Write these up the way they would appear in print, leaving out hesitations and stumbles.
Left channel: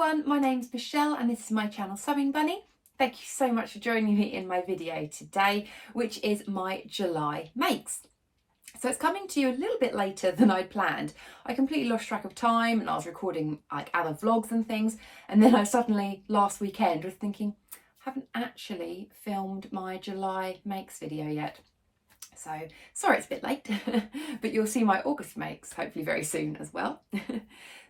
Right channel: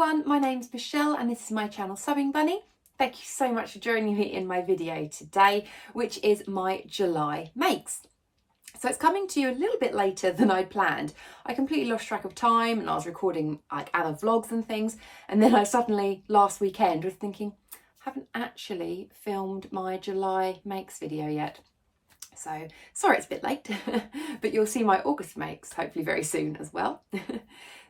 everyone, my name's Michelle and this is my channel Sewing Bunny. Thank you so much for joining me in my video today, which is my July makes. So it's coming to you a little bit later than I'd planned. I completely lost track of time and I was recording like other vlogs and things, and then I suddenly last weekend was thinking, I haven't actually filmed my July makes video yet. So sorry it's a bit late, but you'll see my August makes hopefully very soon as well.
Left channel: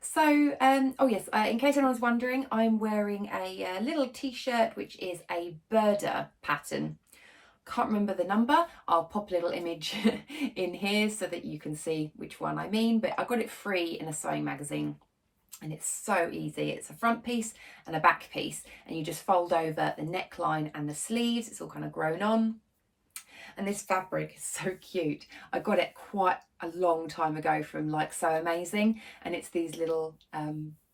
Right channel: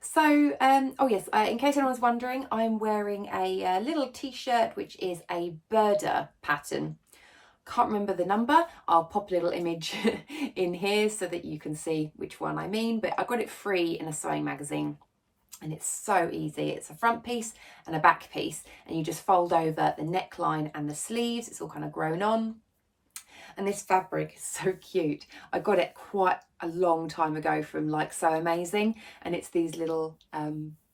So, oh yes, in case anyone's wondering, I'm wearing a little t-shirt which is a Burda pattern. Can't remember the number. I'll pop a little image in here so that you can see which one I mean, but I got it free in a sewing magazine. And it's so easy. It's a front piece and a back piece, and you just fold over the neckline and the sleeves. It's all kind of grown on. And this fabric is so cute. I got it quite a long time ago from like So Amazing, and it's these little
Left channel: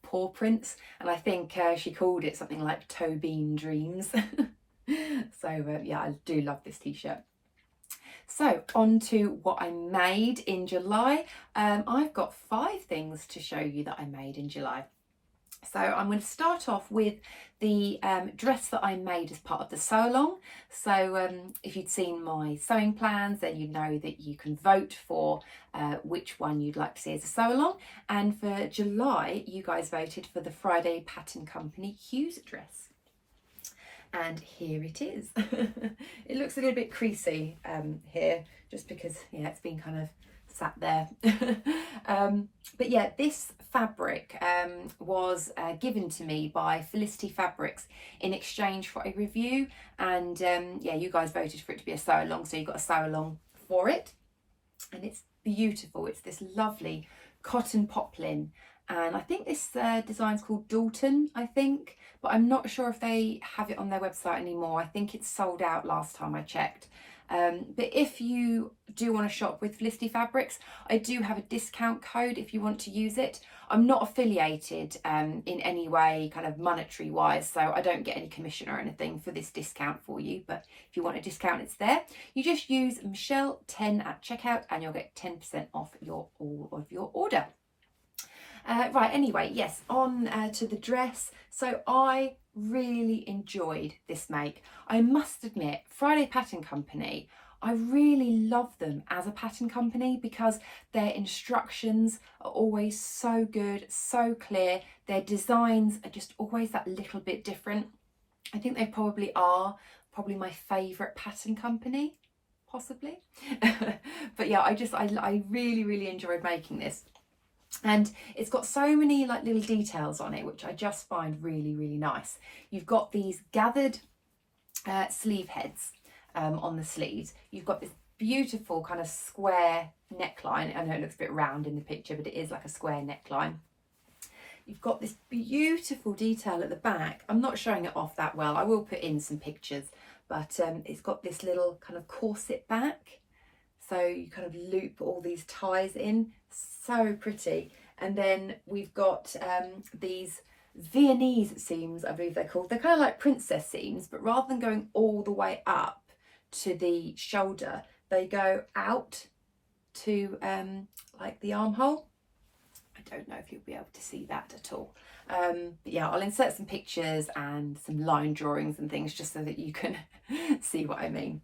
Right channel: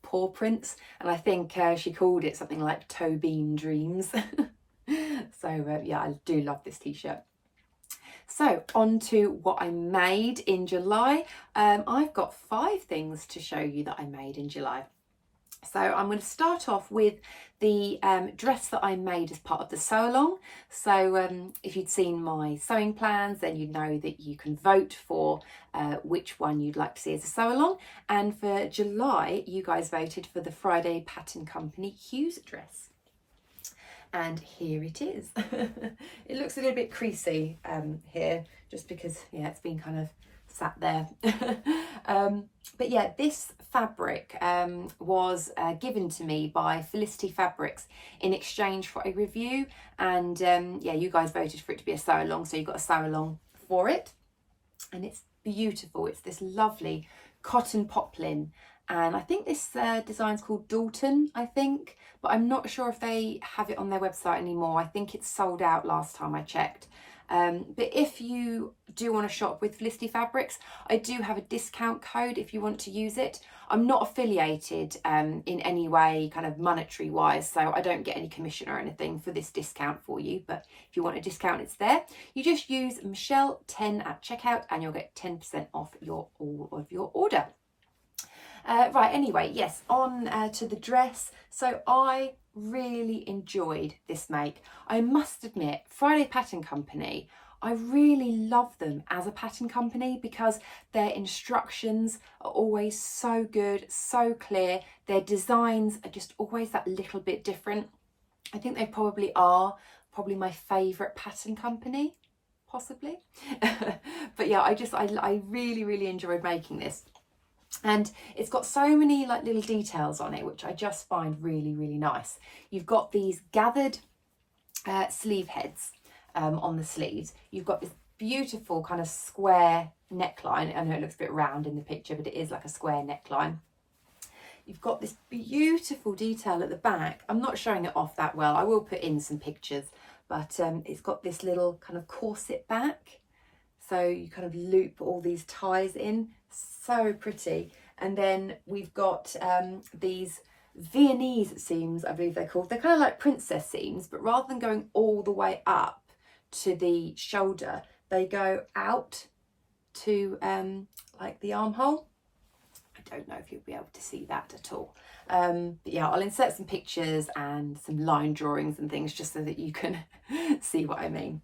paw prints, and I think she called it something like Toe Bean Dreams. So yeah, I do love this t-shirt. So on to what I made in July. I've got 5 things to show you that I made in July. So I'm going to start off with the dress that I made as part of the sew along. So if you'd seen my sewing plans, then you'd know that you can vote for which one you'd like to see as a sew along. And for July, you guys voted for the Burda Pattern Company Hughes dress. And here it is. It looks a little bit creasy here, just because, yeah, it's been kind of sat there. But yeah, this fabric was given to me by Felicity Fabrics in exchange for a review, and yeah, you guys voted for it to be a sew along, so you got a sew along for it, and it's beautiful. It's this lovely cotton poplin, and I think this design's called Dalton, I think, but I'm not sure if they have it on their website anymore. I think it's sold out last time I checked. But if you do want to shop with Felicity Fabrics, I do have a discount code if you want to use it. I'm not affiliated in any way, kind of monetary wise, so I don't get any commission or anything for this discount for you. But if you want a discount, it's there. You just use Michelle10 at checkout and you'll get 10% off all of your order. Right, anyway, yes, on to the dress. So I really enjoyed this make. I must admit, Burda Pattern Company, I really love them as a pattern company because their instructions are always so good, so clear. Their designs are just always that little bit different. I think they probably are my favourite pattern company, possibly. But yeah, I really enjoyed making this. And it's got so many like little details on it, which I just find really nice. You've got these gathered sleeve heads on the sleeves. You've got this beautiful kind of square neckline. I know it looks a bit round in the picture, but it is like a square neckline. You've got this beautiful detail at the back. I'm not showing it off that well. I will put in some pictures, but it's got this little kind of corset back. So you kind of loop all these ties in, so pretty. And then we've got these Viennese seams, I believe they're called. They're kind of like princess seams, but rather than going all the way up to the shoulder, they go out to like the armhole. I don't know if you'll be able to see that at all. But yeah, I'll insert some pictures and some line drawings and things just so that you can see what I mean.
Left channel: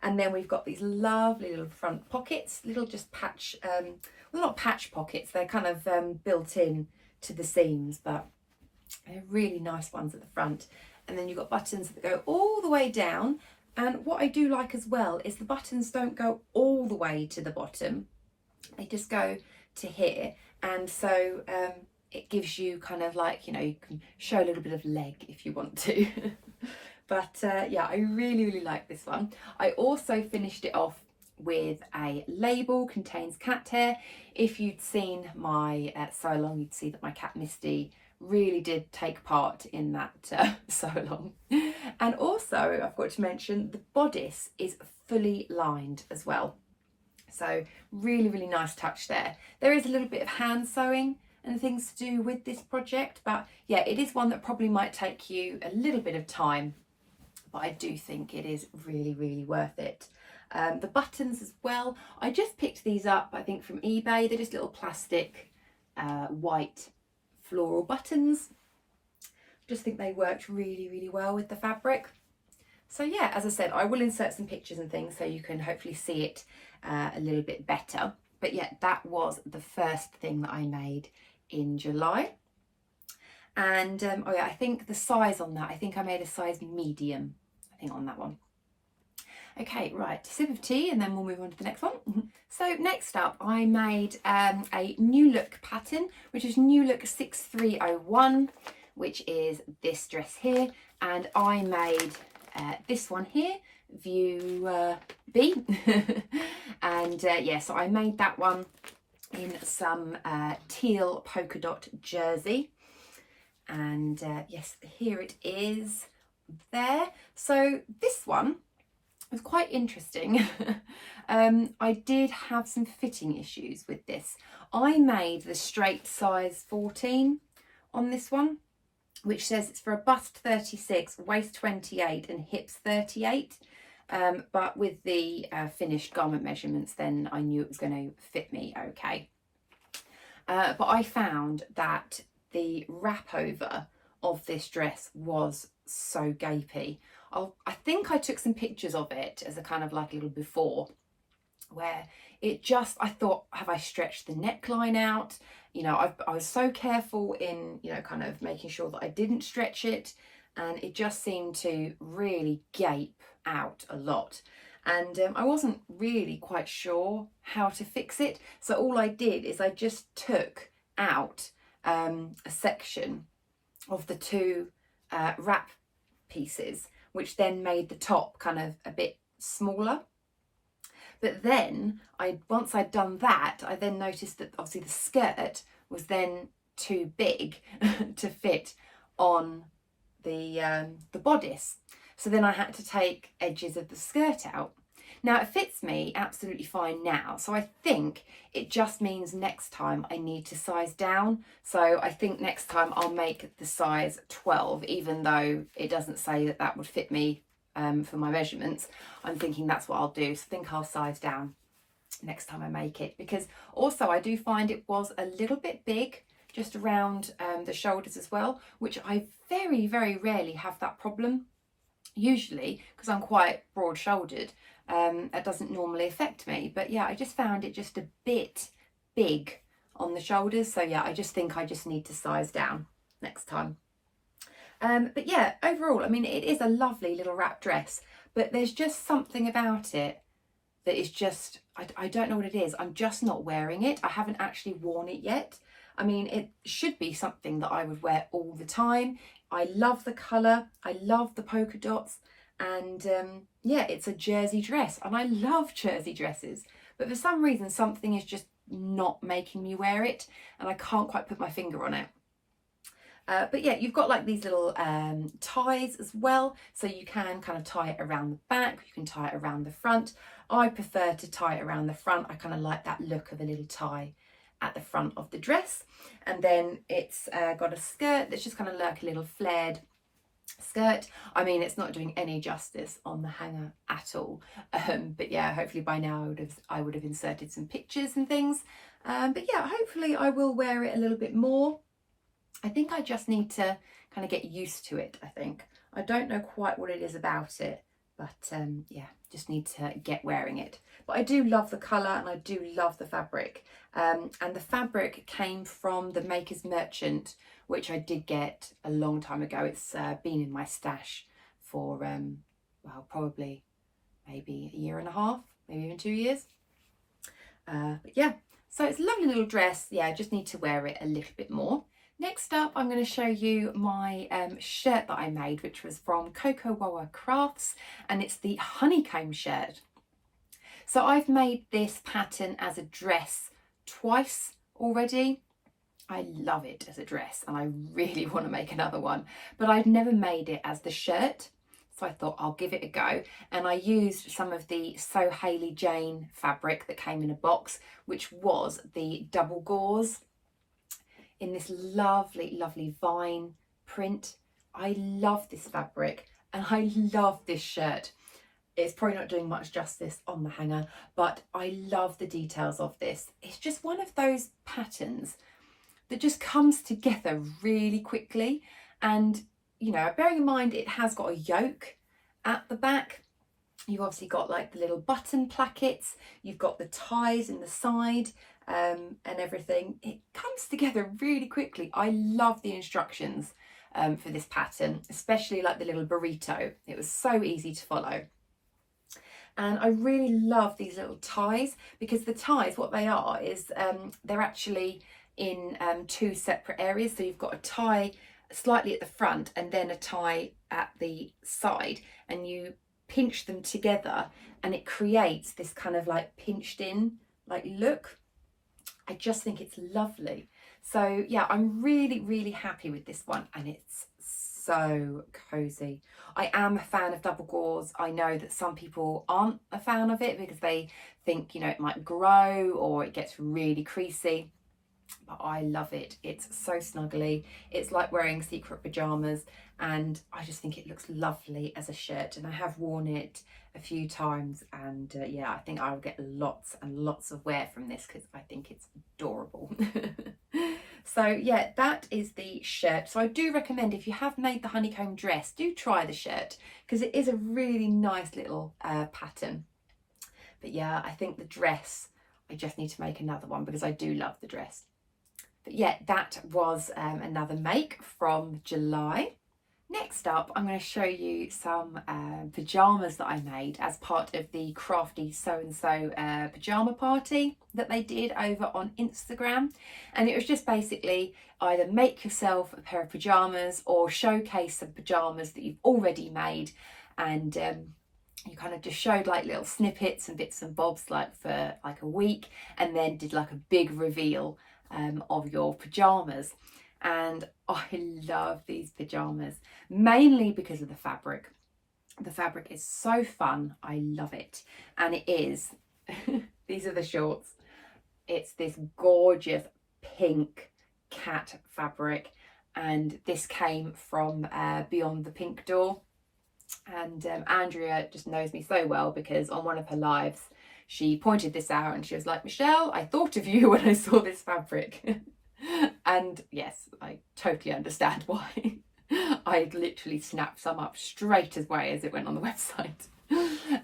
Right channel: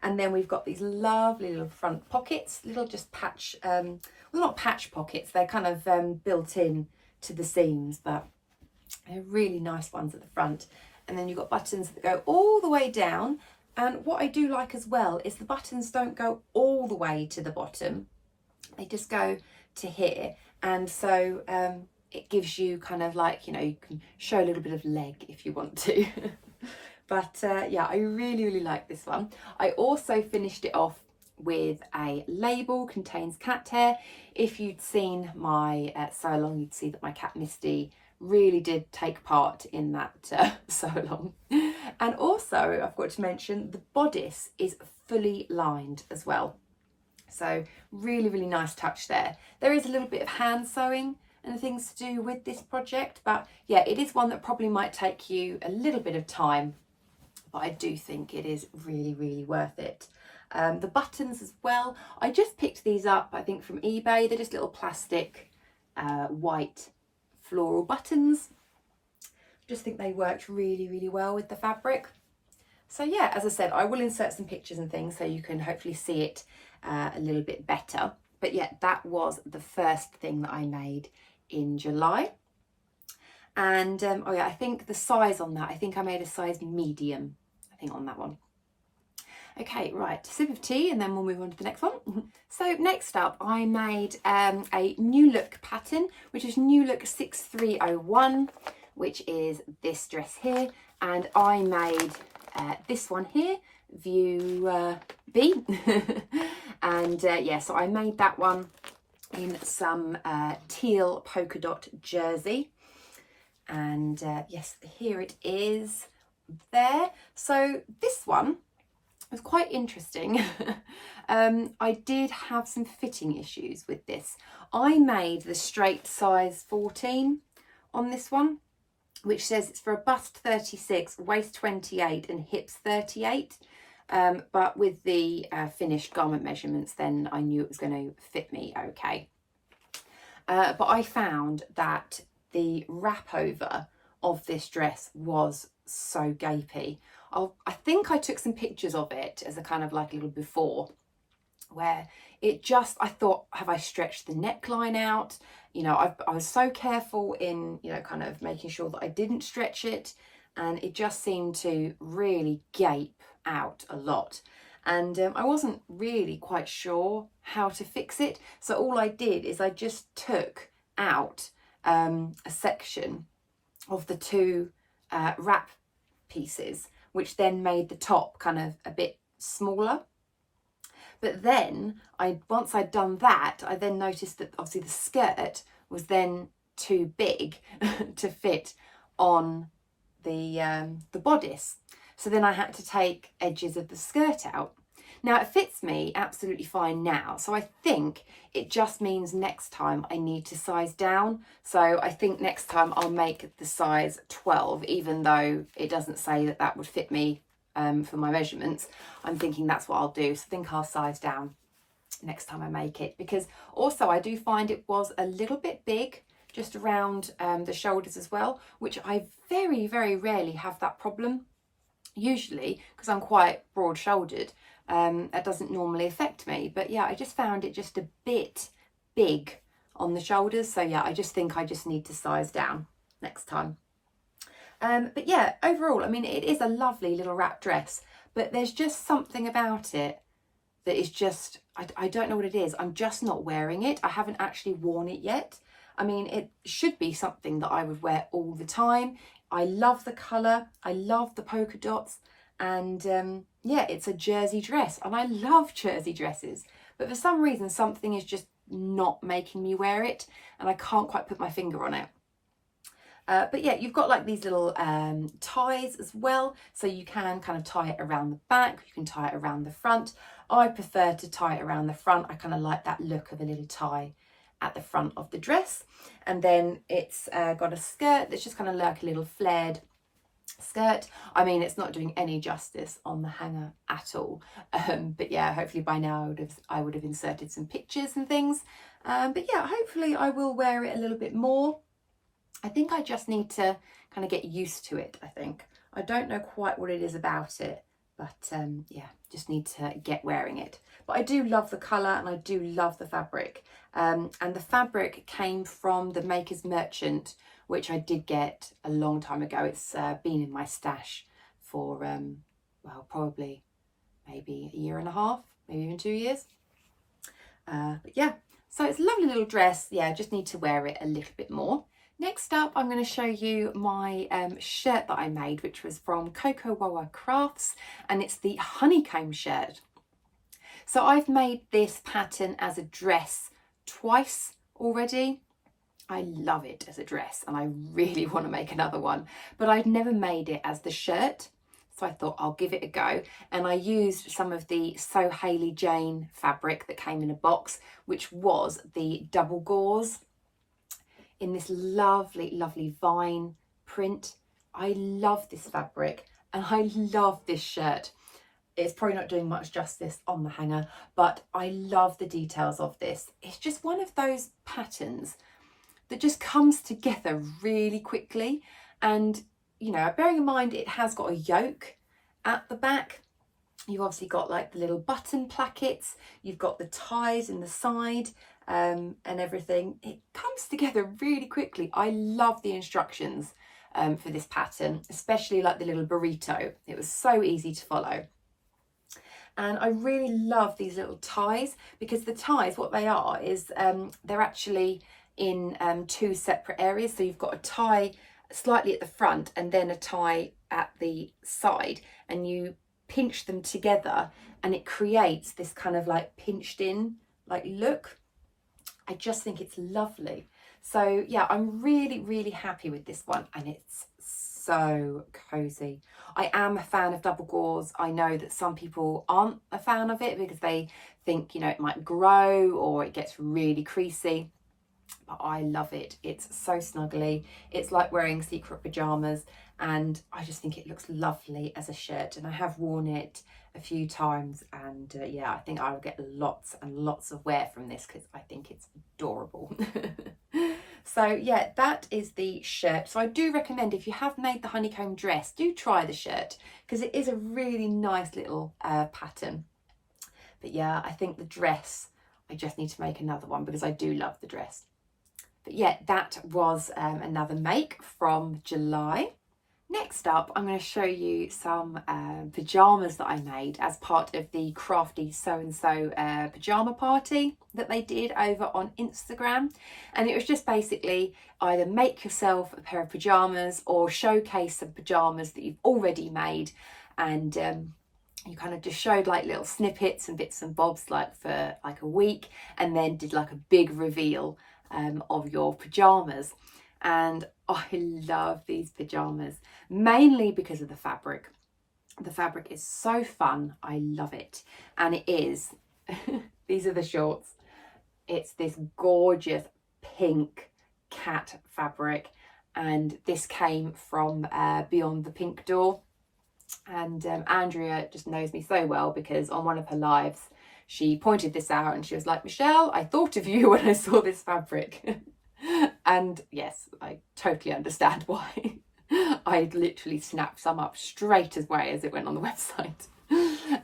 And then we've got these lovely little front pockets, little just patch, well, not patch pockets, they're kind of built in to the seams, but they're really nice ones at the front. And then you've got buttons that go all the way down. And what I do like as well is the buttons don't go all the way to the bottom. They just go to here. And so it gives you kind of like, you know, you can show a little bit of leg if you want to. But yeah, I really like this one. I also finished it off with a label, contains cat hair. If you'd seen my sew along, you'd see that my cat Misty really did take part in that sew along. And also, I've got to mention, the bodice is fully lined as well. So really nice touch there. There is a little bit of hand sewing and things to do with this project, but yeah, it is one that probably might take you a little bit of time, but I do think it is really worth it. The buttons as well, I just picked these up, I think from eBay. They're just little plastic white floral buttons. Just think they worked really, really well with the fabric. So yeah, as I said, I will insert some pictures and things so you can hopefully see it a little bit better. But yeah, that was the first thing that I made in July. And oh yeah, I think the size on that, I think I made a size medium, I think, on that one. Okay, right, sip of tea and then we'll move on to the next one. So next up, I made a New Look pattern, which is New Look 6301, which is this dress here. And I made this one here, View B. And yeah, so I made that one in some teal polka dot jersey. And yes, here it is there. So this one was quite interesting. I did have some fitting issues with this. I made the straight size 14 on this one, which says it's for a bust 36, waist 28 and hips 38. But with the finished garment measurements, then I knew it was going to fit me okay. But I found that the wrap over of this dress was so gapey. I think I took some pictures of it as a kind of like a little before, where it just, I thought, have I stretched the neckline out? You know, I was so careful in, you know, kind of making sure that I didn't stretch it, and it just seemed to really gape out a lot. And I wasn't really quite sure how to fix it. So all I did is I just took out a section of the two wrap pieces, which then made the top kind of a bit smaller. But then once I'd done that, I then noticed that obviously the skirt was then too big to fit on the bodice. So then I had to take edges of the skirt out. Now it fits me absolutely fine now. So I think it just means next time I need to size down. So I think next time I'll make the size 12, even though it doesn't say that that would fit me for my measurements. I'm thinking that's what I'll do. So I think I'll size down next time I make it, because also I do find it was a little bit big just around the shoulders as well, which I very, very rarely have that problem. Usually, because I'm quite broad shouldered, that doesn't normally affect me. But yeah, I just found it just a bit big on the shoulders. So yeah, I just think I just need to size down next time. But yeah, overall, I mean, it is a lovely little wrap dress, but there's just something about it that is just, I don't know what it is. I'm just not wearing it. I haven't actually worn it yet. I mean, it should be something that I would wear all the time. I love the colour. I love the polka dots. And yeah, it's a jersey dress, and I love jersey dresses. But for some reason, something is just not making me wear it, and I can't quite put my finger on it. But yeah, you've got like these little ties as well. So you can kind of tie it around the back. You can tie it around the front. I prefer to tie it around the front. I kind of like that look of a little tie at the front of the dress. And then it's got a skirt that's just kind of like a little flared skirt. I mean, it's not doing any justice on the hanger at all. But yeah, hopefully by now I would have inserted some pictures and things. But yeah, hopefully I will wear it a little bit more. I think I just need to kind of get used to it, I think. I don't know quite what it is about it, but yeah, just need to get wearing it. But I do love the colour, and I do love the fabric. And the fabric came from the Maker's Merchant, which I did get a long time ago. It's been in my stash for, well, probably maybe a year and a half, maybe even 2 years. But yeah, so it's a lovely little dress. Yeah, I just need to wear it a little bit more. Next up, I'm going to show you my shirt that I made, which was from Coco Wawa Crafts, and it's the Honeycomb shirt. So I've made this pattern as a dress twice already. I love it as a dress, and I really want to make another one, but I'd never made it as the shirt. So I thought I'll give it a go. And I used some of the So Hayley Jane fabric that came in a box, which was the double gauze, in this lovely, lovely vine print. I love this fabric, and I love this shirt. It's probably not doing much justice on the hanger, but I love the details of this. It's just one of those patterns that just comes together really quickly, and you know, bearing in mind it has got a yoke at the back, you've obviously got like the little button plackets, you've got the ties in the side, and everything. It comes together really quickly. I love the instructions for this pattern, especially like the little burrito. It was so easy to follow. And I really love these little ties, because the ties, what they are is they're actually in two separate areas. So you've got a tie slightly at the front and then a tie at the side, and you pinch them together and it creates this kind of like pinched in like look. I just think it's lovely. So yeah, I'm really happy with this one, and it's so cozy. I am a fan of double gauze. I know that some people aren't a fan of it because they think, you know, it might grow or it gets really creasy, but I love it. It's so snuggly. It's like wearing secret pajamas, and I just think it looks lovely as a shirt, and I have worn it a few times, and yeah, I think I'll get lots and lots of wear from this because I think it's adorable. So yeah, that is the shirt. So I do recommend, if you have made the honeycomb dress, do try the shirt because it is a really nice little pattern. But yeah, I think the dress, I just need to make another one because I do love the dress. But yeah, that was another make from July. Next up, I'm going to show you some pajamas that I made as part of the Crafty So-and-So pajama party that they did over on Instagram. And it was just basically either make yourself a pair of pajamas or showcase some pajamas that you've already made. And you kind of just showed like little snippets and bits and bobs like for like a week, and then did like a big reveal of your pajamas. And I love these pajamas, mainly because of the fabric. The fabric is so fun. I love it. And it is, these are the shorts. It's this gorgeous pink cat fabric. And this came from Beyond the Pink Door. And Andrea just knows me so well because on one of her lives, she pointed this out and she was like, Michelle, I thought of you when I saw this fabric. And yes, I totally understand why. I literally snapped some up straight away as it went on the website.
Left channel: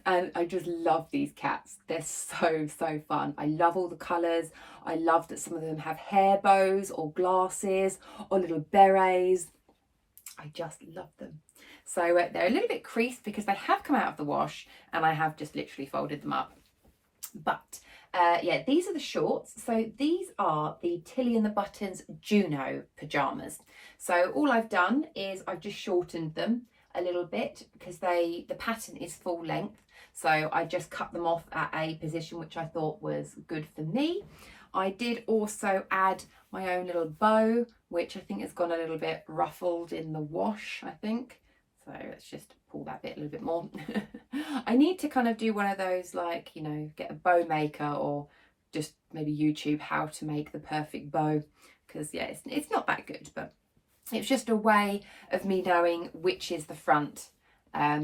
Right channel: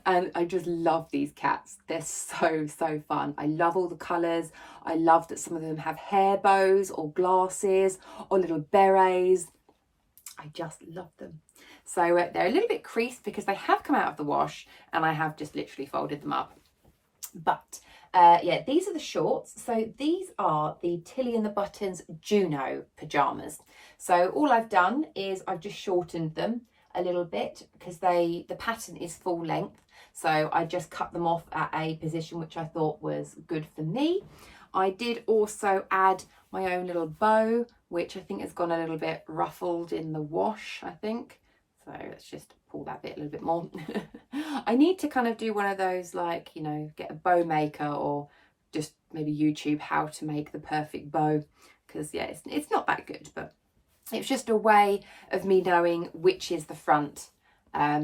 And I just love these cats. They're so fun. I love all the colours. I love that some of them have hair bows or glasses or little berets. I just love them. So they're a little bit creased because they have come out of the wash and I have just literally folded them up. But yeah, these are the shorts. So these are the Tilly and the Buttons Juno pajamas. So all I've done is I've just shortened them a little bit because the pattern is full length. So I just cut them off at a position which I thought was good for me. I did also add my own little bow, which I think has gone a little bit ruffled in the wash, I think. So let's just pull that bit a little bit more. I need to kind of do one of those, like, you know, get a bow maker or just maybe YouTube how to make the perfect bow. Because yeah, it's not that good, but it's just a way of me knowing which is the front.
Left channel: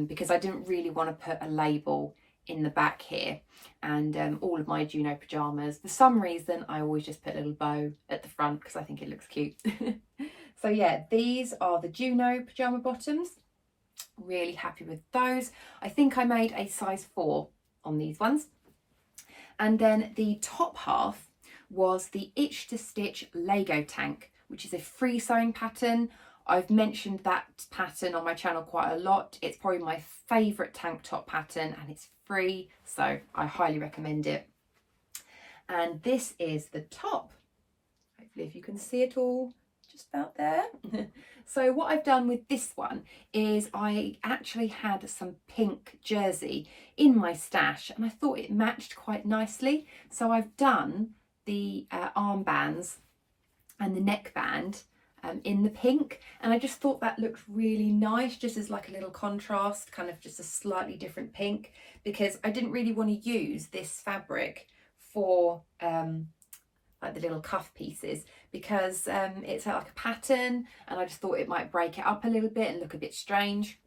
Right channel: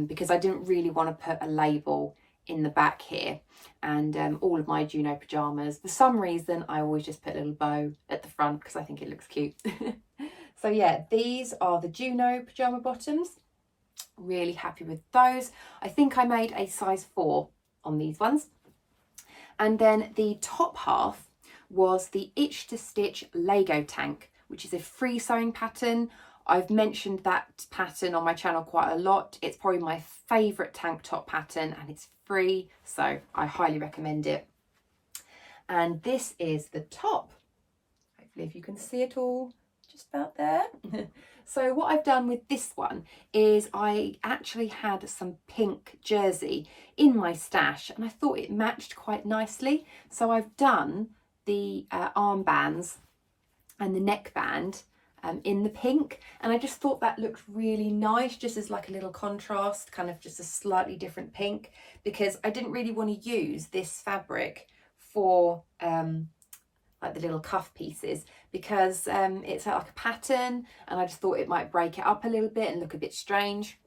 Because I didn't really want to put a label in the back here. And all of my Juno pajamas, for some reason, I always just put a little bow at the front because I think it looks cute. So yeah, these are the Juno pajama bottoms. Really happy with those. I think I made a size 4 on these ones. And then the top half was the Itch to Stitch Lego tank, which is a free sewing pattern. I've mentioned that pattern on my channel quite a lot. It's probably my favourite tank top pattern and it's free, so I highly recommend it. And this is the top. Hopefully if you can see it all just about there. So what I've done with this one is I actually had some pink jersey in my stash and I thought it matched quite nicely. So I've done the armbands and the neckband in the pink, and I just thought that looked really nice, just as like a little contrast, kind of just a slightly different pink, because I didn't really want to use this fabric for like the little cuff pieces, because it's like a pattern and I just thought it might break it up a little bit and look a bit strange.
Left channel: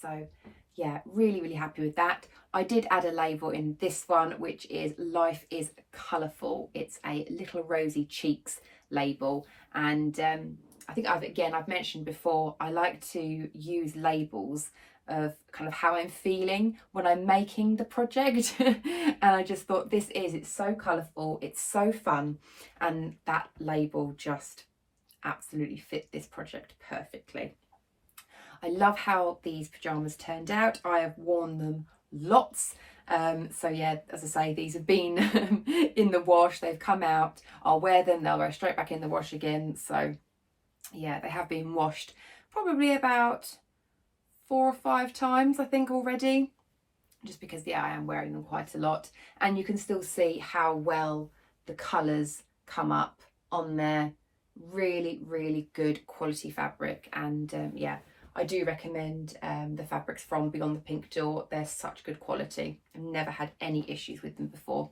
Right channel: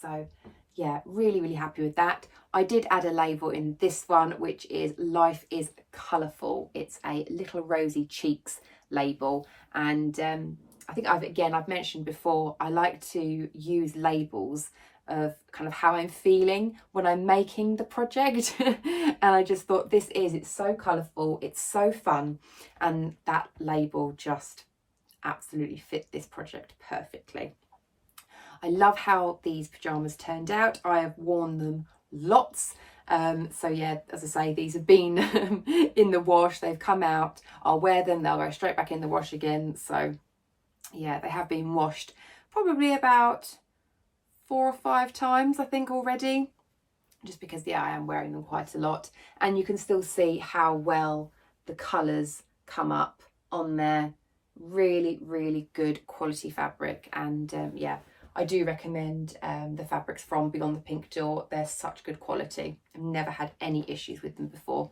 So yeah, really happy with that. I did add a label in this one, which is Life is Colourful. It's a little rosy cheeks label, and I think I've mentioned before, I like to use labels of kind of how I'm feeling when I'm making the project. And I just thought it's so colourful, it's so fun, and that label just absolutely fit this project perfectly. I love how these pyjamas turned out. I have worn them lots. So yeah, as I say, these have been in the wash, they've come out, I'll wear them, they'll go straight back in the wash again. So yeah, they have been washed probably about 4 or 5 times, I think, already, just because yeah, I am wearing them quite a lot. And you can still see how well the colours come up on there. Really, really good quality fabric. And yeah, I do recommend the fabrics from Beyond the Pink Door. They're such good quality. I've never had any issues with them before.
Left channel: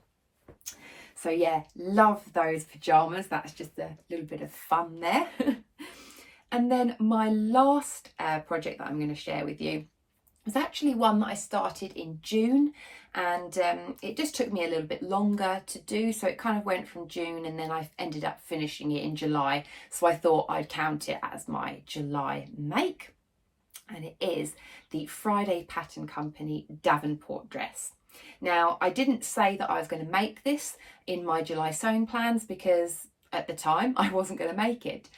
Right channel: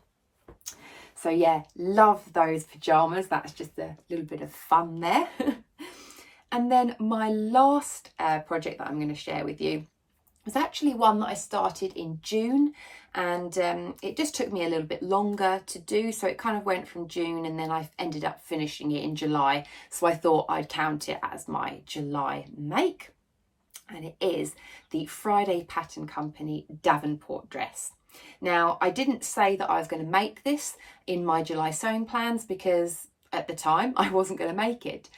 So yeah, love those pyjamas. That's just a little bit of fun there. And then my last project that I'm going to share with you was actually one that I started in June, and it just took me a little bit longer to do. So it kind of went from June, and then I ended up finishing it in July. So I thought I'd count it as my July make. And it is the Friday Pattern Company Davenport dress. Now, I didn't say that I was going to make this in my July sewing plans because at the time I wasn't going to make it.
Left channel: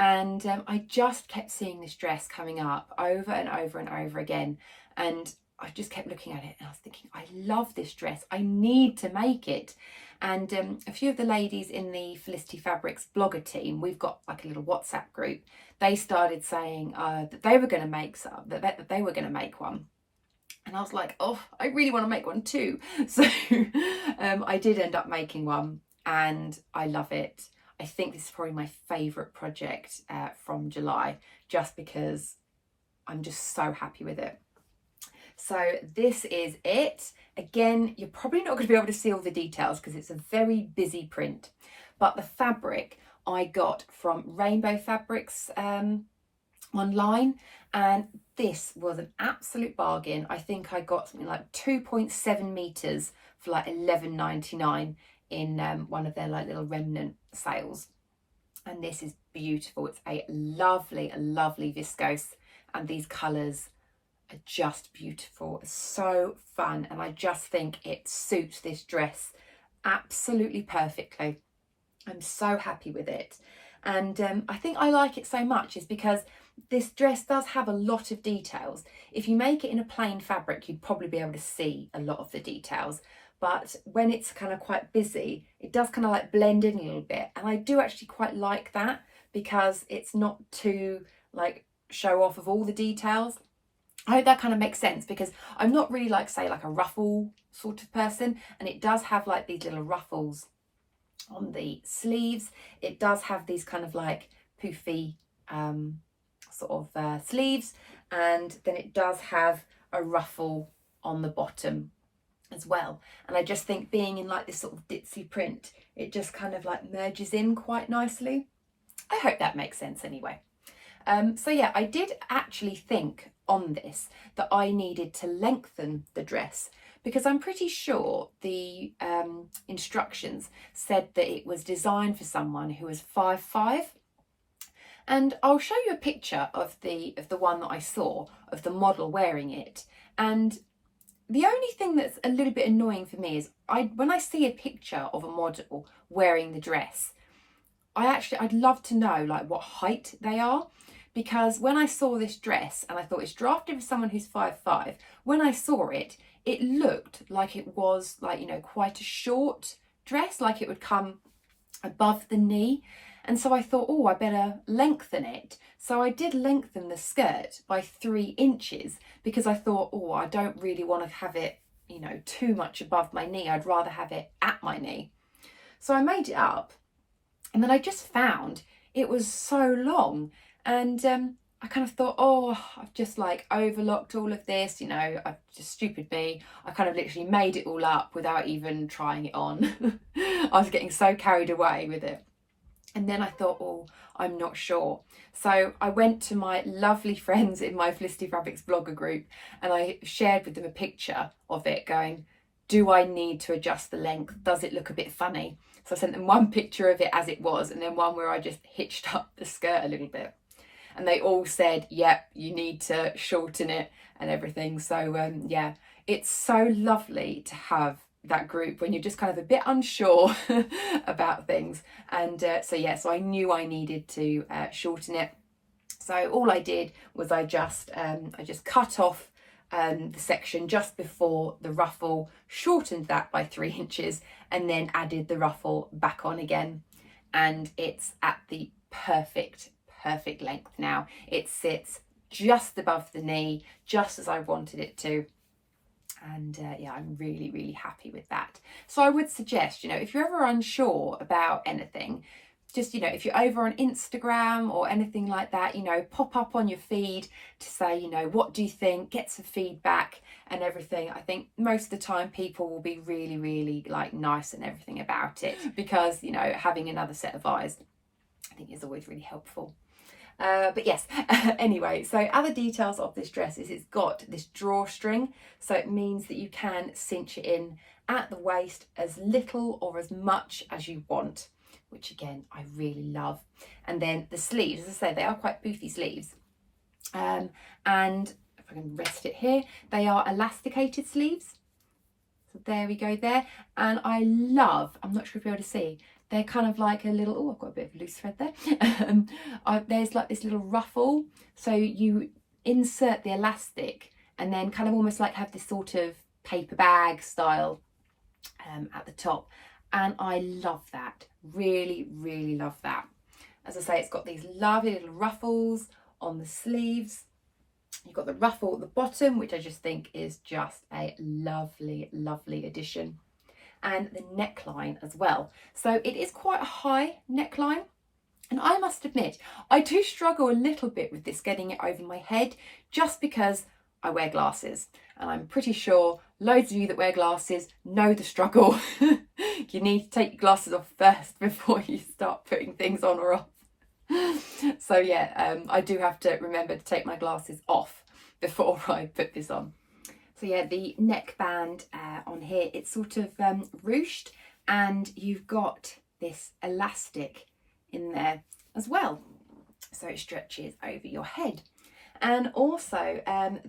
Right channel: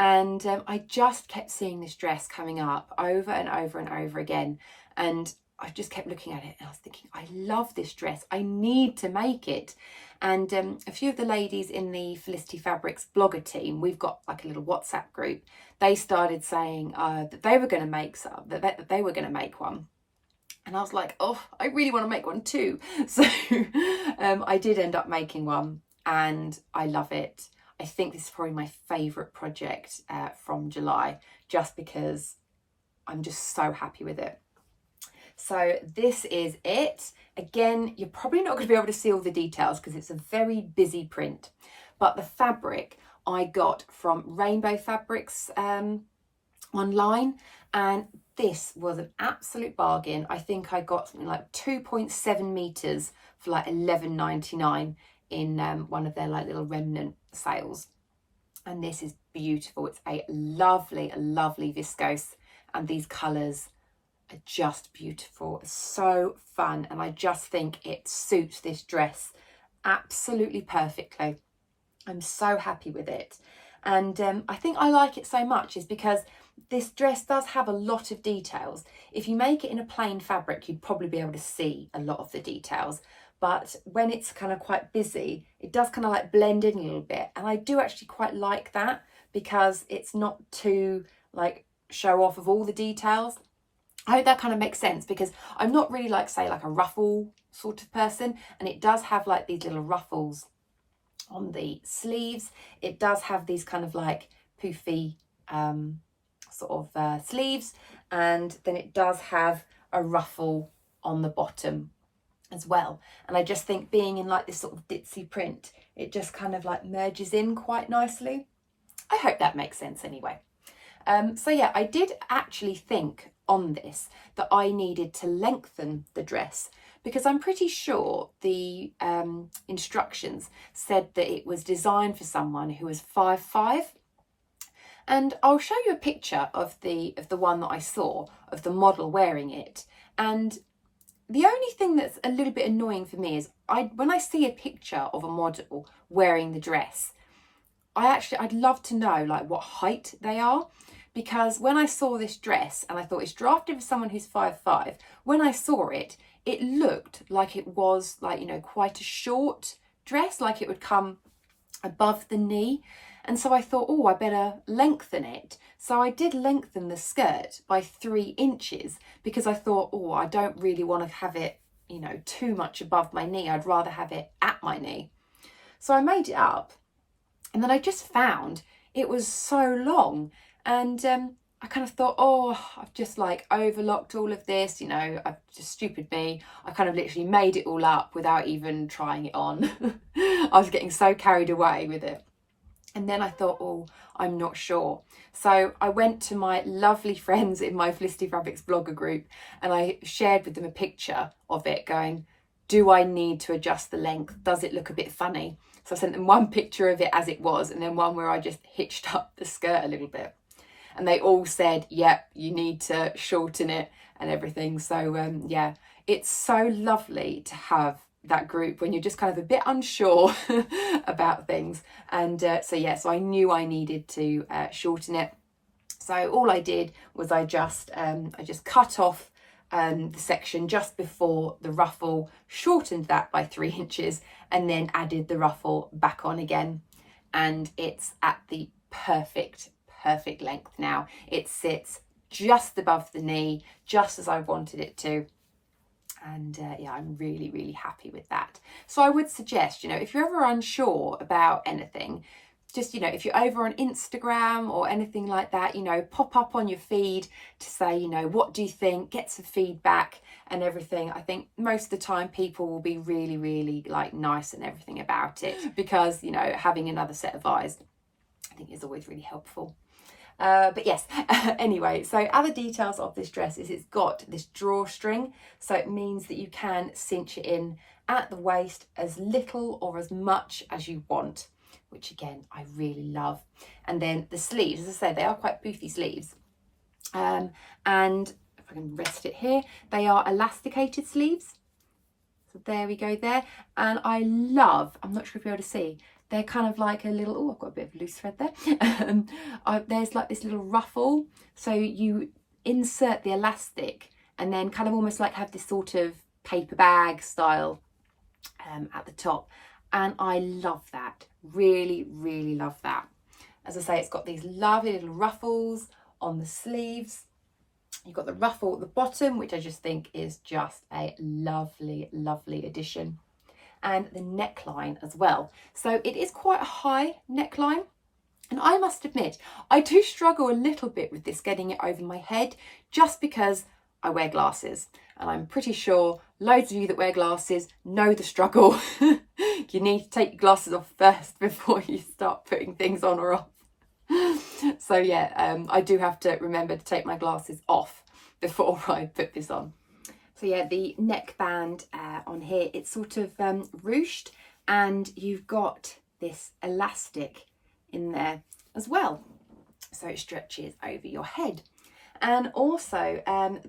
And I just kept seeing this dress coming up over and over and over again. And I just kept looking at it and I was thinking, I love this dress. I need to make it. And a few of the ladies in the Felicity Fabrics blogger team, we've got like a little WhatsApp group. They started saying that they were going to make some, that they were going to make one. And I was like, oh, I really want to make one too. So I did end up making one and I love it. I think this is probably my favourite project from July, just because I'm just so happy with it. So this is it. Again, you're probably not going to be able to see all the details because it's a very busy print. But the fabric I got from Rainbow Fabrics online, and this was an absolute bargain. I think I got something like 2.7 meters for like $11.99 in one of their like little remnant sales. And this is beautiful. It's a lovely viscose, and these colours are just beautiful. It's so fun, and I just think it suits this dress absolutely perfectly. I'm so happy with it. And I think I like it so much is because this dress does have a lot of details. If you make it in a plain fabric, you'd probably be able to see a lot of the details. But when it's kind of quite busy, it does kind of like blend in a little bit. And I do actually quite like that because it's not too like show off of all the details. I hope that kind of makes sense because I'm not really like, say, like a ruffle sort of person. And it does have like these little ruffles on the sleeves. It does have these kind of like poofy sort of sleeves. And then it does have a ruffle on the bottom as well. And I just think being in like this sort of ditzy print, it just kind of like merges in quite nicely. I hope that makes sense anyway. So yeah, I did actually think on this that I needed to lengthen the dress because I'm pretty sure the instructions said that it was designed for someone who was 5'5". And I'll show you a picture of the one that I saw of the model wearing it. And the only thing that's a little bit annoying for me is when I see a picture of a model wearing the dress, I'd love to know like what height they are, because when I saw this dress and I thought it's drafted for someone who's 5'5", when I saw it, it looked like it was like, you know, quite a short dress, like it would come above the knee. And so I thought, oh, I better lengthen it. So I did lengthen the skirt by 3 inches because I thought, oh, I don't really want to have it, you know, too much above my knee. I'd rather have it at my knee. So I made it up, and then I just found it was so long. And I kind of thought, oh, I've just like overlocked all of this, you know, I've just stupid me. I kind of literally made it all up without even trying it on. I was getting so carried away with it. And then I thought, oh, I'm not sure. So I went to my lovely friends in my Felicity Fabrics blogger group and I shared with them a picture of it going, do I need to adjust the length? Does it look a bit funny? So I sent them one picture of it as it was, and then one where I just hitched up the skirt a little bit. And they all said, yep, you need to shorten it and everything. So yeah, it's so lovely to have that group when you're just kind of a bit unsure about things. And so yeah, so I knew I needed to shorten it. So all I did was I just cut off the section just before the ruffle, shortened that by 3 inches, and then added the ruffle back on again. And it's at the perfect length now. It sits just above the knee, just as I wanted it to. And yeah, I'm really happy with that. So I would suggest, you know, if you're ever unsure about anything, just, you know, if you're over on Instagram or anything like that, you know, pop up on your feed to say, you know, what do you think, get some feedback and everything. I think most of the time people will be really like nice and everything about it, because, you know, having another set of eyes I think is always really helpful. But yes, anyway, so other details of this dress is it's got this drawstring, so it means that you can cinch it in at the waist as little or as much as you want, which again I really love. And then the sleeves, as I say, they are quite poofy sleeves, and if I can rest it here, they are elasticated sleeves. So there we go there. And I love, I'm not sure if you're able to see, they're kind of like a little, oh, I've got a bit of loose thread there. There's like this little ruffle. So you insert the elastic and then kind of almost like have this sort of paper bag style at the top. And I love that, really love that. As I say, it's got these lovely little ruffles on the sleeves. You've got the ruffle at the bottom, which I just think is just a lovely addition. And the neckline as well. So it is quite a high neckline. And I must admit, I do struggle a little bit with this, getting it over my head, just because I wear glasses. And I'm pretty sure loads of you that wear glasses know the struggle. You need to take your glasses off first before you start putting things on or off. So yeah, I do have to remember to take my glasses off before I put this on. So yeah, the neckband on here, it's sort of ruched, and you've got this elastic in there as well. So it stretches over your head. And also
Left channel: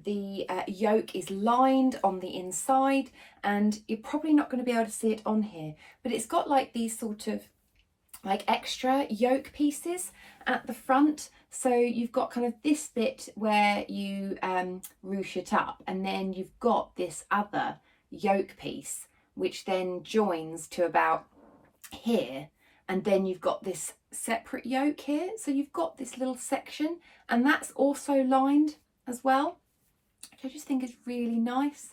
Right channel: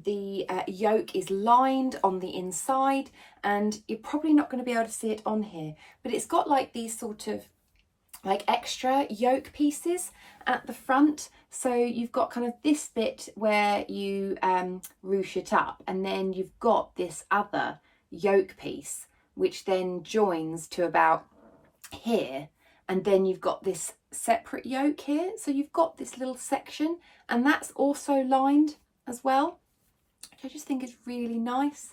the yoke is lined on the inside, and you're probably not going to be able to see it on here, but it's got like these sort of like extra yoke pieces at the front. So you've got kind of this bit where you ruche it up, and then you've got this other yoke piece which then joins to about here, and then you've got this separate yoke here. So you've got this little section, and that's also lined as well, which I just think is really nice.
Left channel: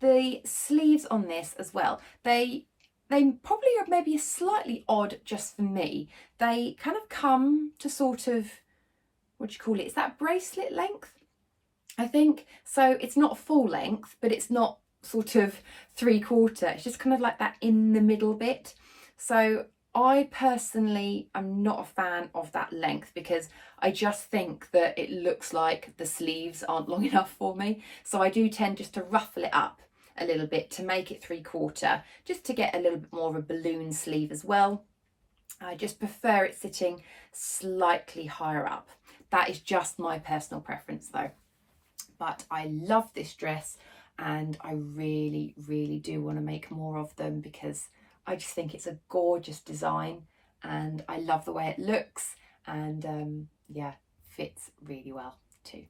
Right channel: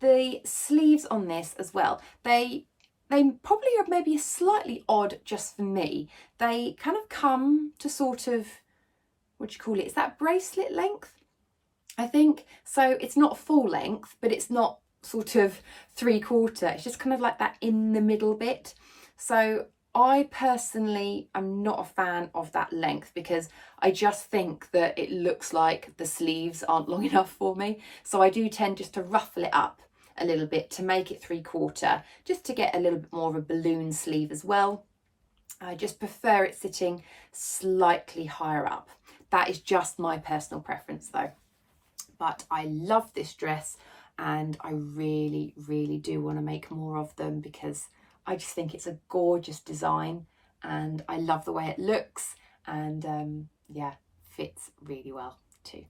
The sleeves on this as well, they probably are maybe slightly odd just for me. They kind of come to sort of, what do you call it? Is that bracelet length? I think. So it's not full length, but it's not sort of 3/4. It's just kind of like that in the middle bit. So I personally am not a fan of that length, because I just think that it looks like the sleeves aren't long enough for me. So I do tend just to ruffle it up a little bit to make it 3/4, just to get a little bit more of a balloon sleeve as well. I just prefer it sitting slightly higher up. That is just my personal preference though. But I love this dress, and I really do want to make more of them, because I just think it's a gorgeous design, and I love the way it looks, and yeah, fits really well too.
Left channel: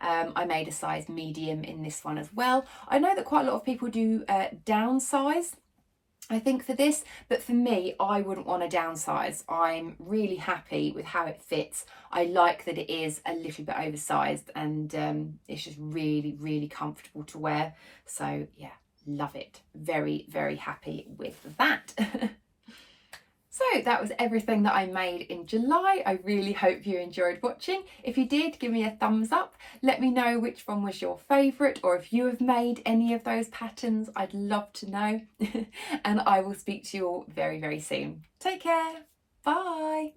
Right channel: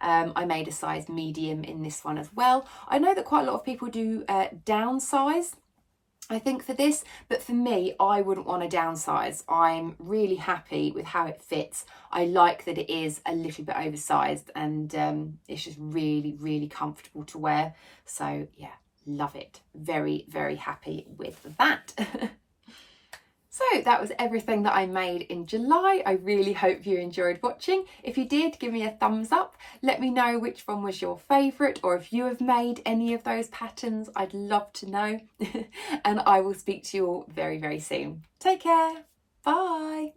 I made a size medium in this one as well. I know that quite a lot of people do downsize, I think, for this, but for me, I wouldn't want to downsize. I'm really happy with how it fits. I like that it is a little bit oversized, and it's just really comfortable to wear. So yeah, love it. Very happy with that. So that was everything that I made in July. I really hope you enjoyed watching. If you did, give me a thumbs up. Let me know which one was your favourite, or if you have made any of those patterns. I'd love to know. And I will speak to you all very soon. Take care. Bye.